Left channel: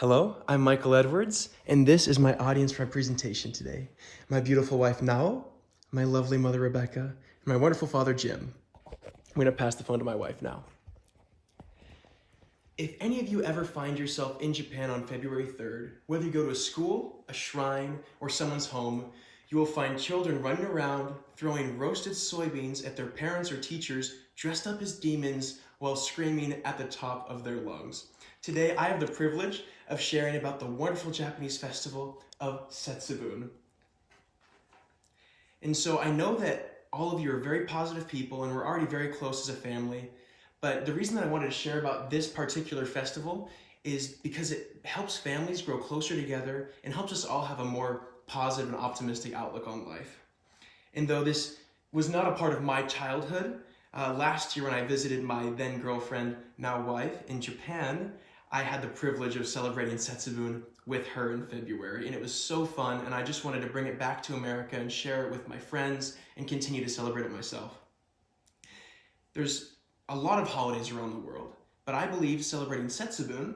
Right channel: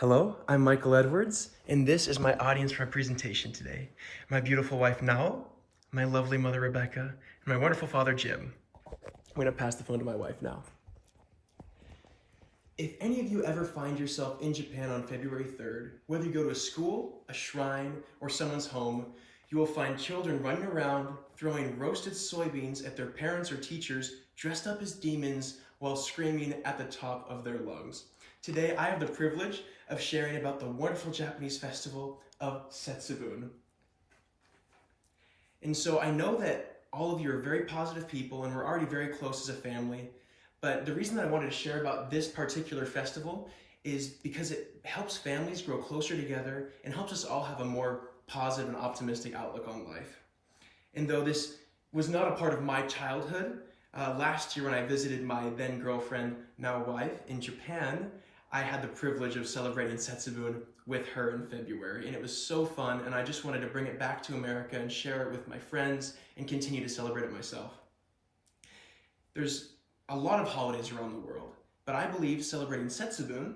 Hello, I'm Michael Edwards, and this is my audience for my presentation today. My beautiful wife, Nao, my lovely mother, Rebecca, and my wonderful father, Jim. I'm gonna pass the phone to my wife now. If any of you ever find yourself in Japan on February 3rd, whether you go to a school, a shrine, or someone's home, you will find children running around throwing roasted soybeans at their parents or teachers dressed up as demons while screaming at the top of their lungs. Today, I have the privilege of sharing about the wonderful Japanese festival of Setsubun. And so I know that all of you are very positive people and we're already very close as a family, but the reason that I wanted to share about this particular festival is because it helps families grow closer together and helps us all have a more positive and optimistic outlook on life. And though this was not a part of my childhood, last year when I visited my then girlfriend, now wife, in Japan, I had the privilege of celebrating Setsubun with her in February, and it was so fun, and I just wanted to bring it back to America and share it with my friends and continue to celebrate it myself. There's a lot of holidays around the world, but I believe celebrating Setsubun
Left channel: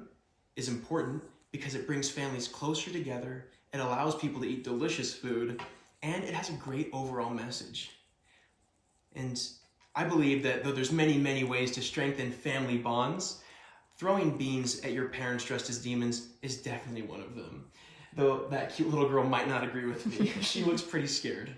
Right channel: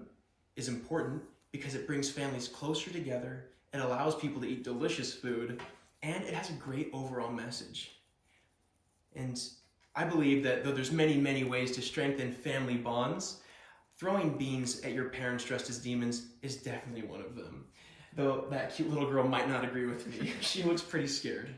is important because it brings families closer together, it allows people to eat delicious food, and it has a great overall message. And I believe that though there's many, many ways to strengthen family bonds, throwing beans at your parents dressed as demons is definitely one of them. Though that cute little girl might not agree with me. She looks pretty scared.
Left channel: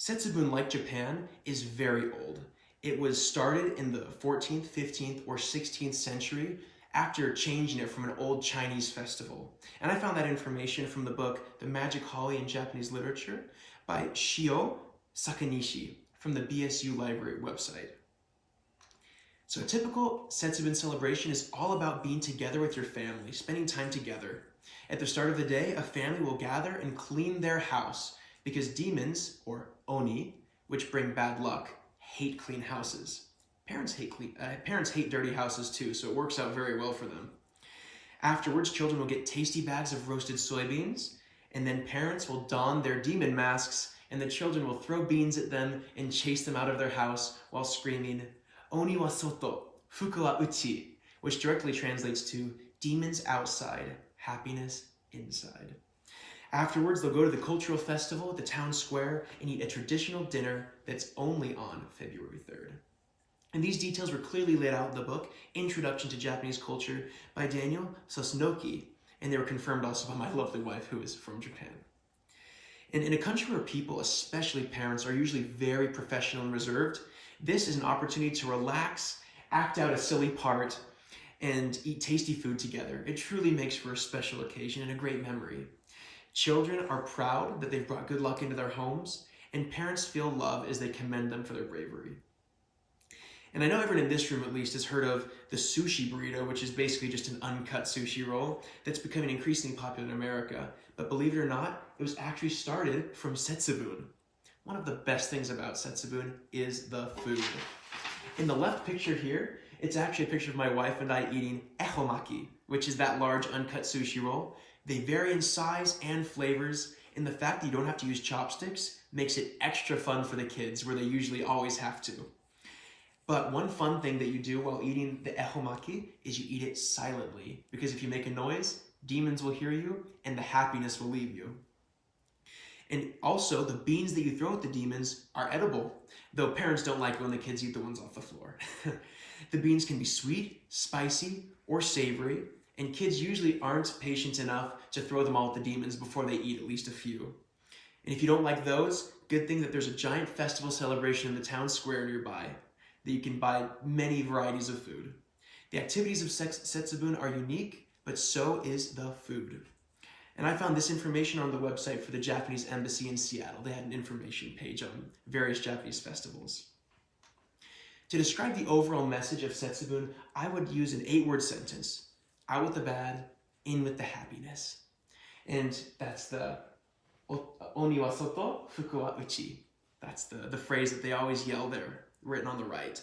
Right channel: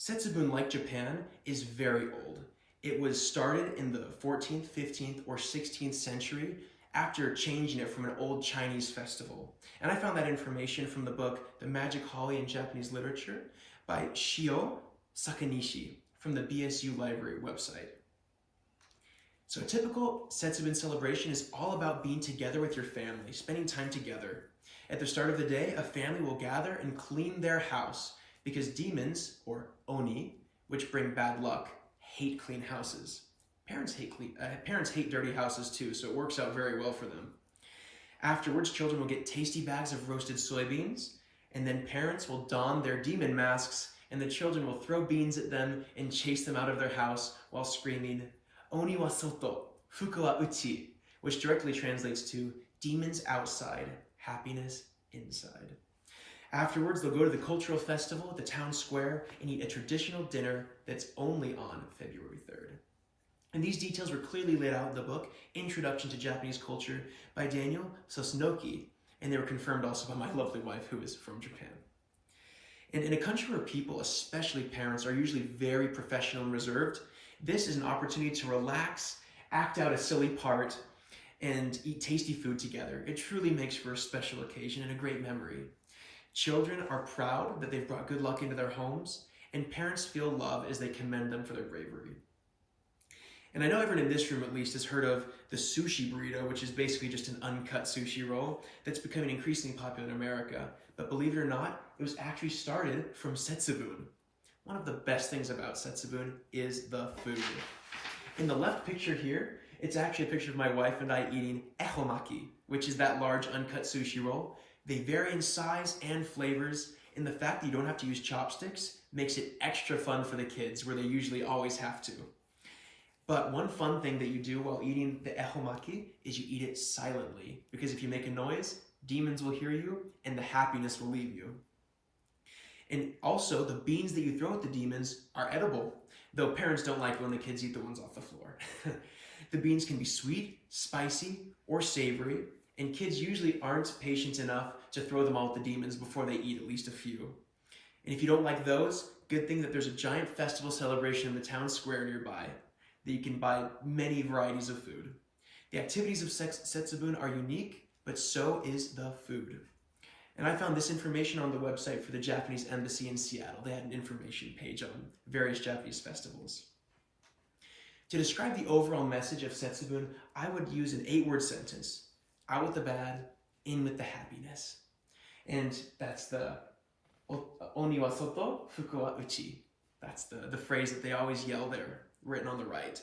Setsubun, like Japan, is very old. It was started in the 14th, 15th, or 16th century after changing it from an old Chinese festival. And I found that information from the book The Magic Holly in Japanese Literature by Shio Sakanishi from the BSU Library website. So a typical Setsubun celebration is all about being together with your family, spending time together. At the start of the day, a family will gather and clean their house because demons, or oni, which bring bad luck, hate clean houses. Parents hate dirty houses too, so it works out very well for them. Afterwards, children will get tasty bags of roasted soybeans, and then parents will don their demon masks, and the children will throw beans at them and chase them out of their house while screaming, Oni wa soto, fuku wa uchi, which directly translates to demons outside, happiness inside. Afterwards, they'll go to the cultural festival at the town square and eat a traditional dinner that's only on February 3rd. And these details were clearly laid out in the book, Introduction to Japanese Culture by Daniel Sosnoki, and they were confirmed also by my lovely wife, who is from Japan. And in a country where people, especially parents, are usually very professional and reserved, this is an opportunity to relax, act out a silly part, and eat tasty food together. It truly makes for a special occasion and a great memory. Children are proud that they've brought good luck into their homes, and parents feel love as they commend them for their bravery. And I know everyone in this room at least has heard of the sushi burrito, which is basically just an uncut sushi roll that's becoming increasingly popular in America. But believe it or not, it was actually started from Setsubun. One of the best things about Setsubun is the food. In the left picture here, it's actually a picture of my wife and I eating ehomaki, which is that large uncut sushi roll. They vary in size and flavors, and the fact that you don't have to use chopsticks makes it extra fun for the kids, where they usually always have to. But one fun thing that you do while eating the ehomaki is you eat it silently, because if you make a noise, demons will hear you and the happiness will leave you. And also, the beans that you throw at the demons are edible, though parents don't like it when the kids eat the ones off the floor. The beans can be sweet, spicy, or savory, and kids usually aren't patient enough to throw them all at the demons before they eat at least a few. And if you don't like those, good thing that there's a giant festival celebration in the town square nearby that you can buy many varieties of food. The activities of Setsubun are unique, but so is the food. And I found this information on the website for the Japanese Embassy in Seattle. They had an information page on various Japanese festivals. To describe the overall message of Setsubun, I would use an 8-word sentence. Out with the bad, in with the happiness. And that's the Oni wa soto, fuku wa uchi. That's the phrase that they always yell there, written on the right.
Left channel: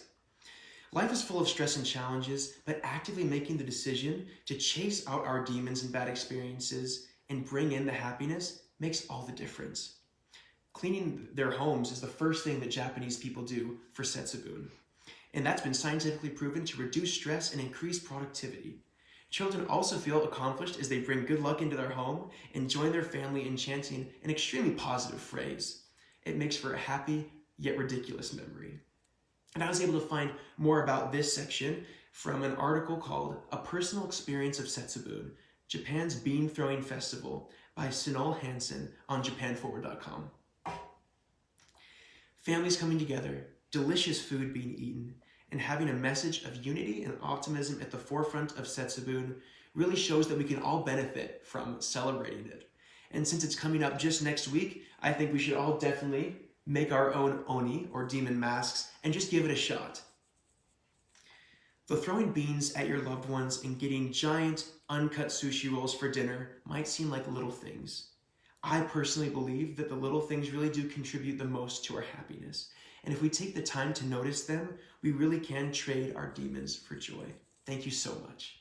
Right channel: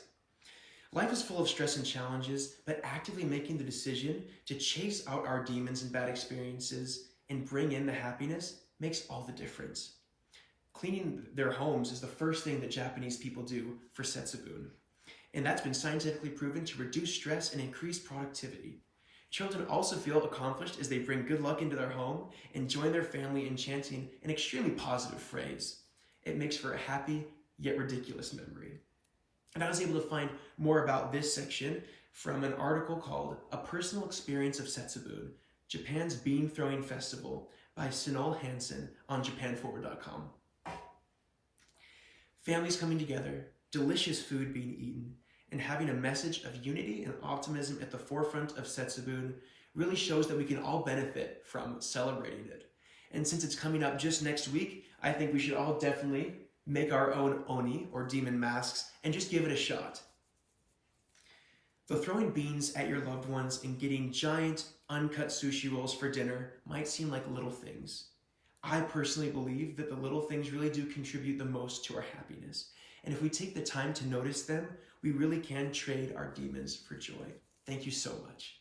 Life is full of stress and challenges, but actively making the decision to chase out our demons and bad experiences and bring in the happiness makes all the difference. Cleaning their homes is the first thing that Japanese people do for Setsubun. And that's been scientifically proven to reduce stress and increase productivity. Children also feel accomplished as they bring good luck into their home and join their family in chanting an extremely positive phrase. It makes for a happy yet ridiculous memory. And I was able to find more about this section from an article called A Personal Experience of Setsubun, Japan's Bean Throwing Festival by Sunal Hansen on japanforward.com. Families coming together, delicious food being eaten, and having a message of unity and optimism at the forefront of Setsubun really shows that we can all benefit from celebrating it. And since it's coming up just next week, I think we should all definitely make our own oni, or demon masks, and just give it a shot. Though throwing beans at your loved ones and getting giant, uncut sushi rolls for dinner might seem like little things, I personally believe that the little things really do contribute the most to our happiness. And if we take the time to notice them, we really can trade our demons for joy. Thank you so much.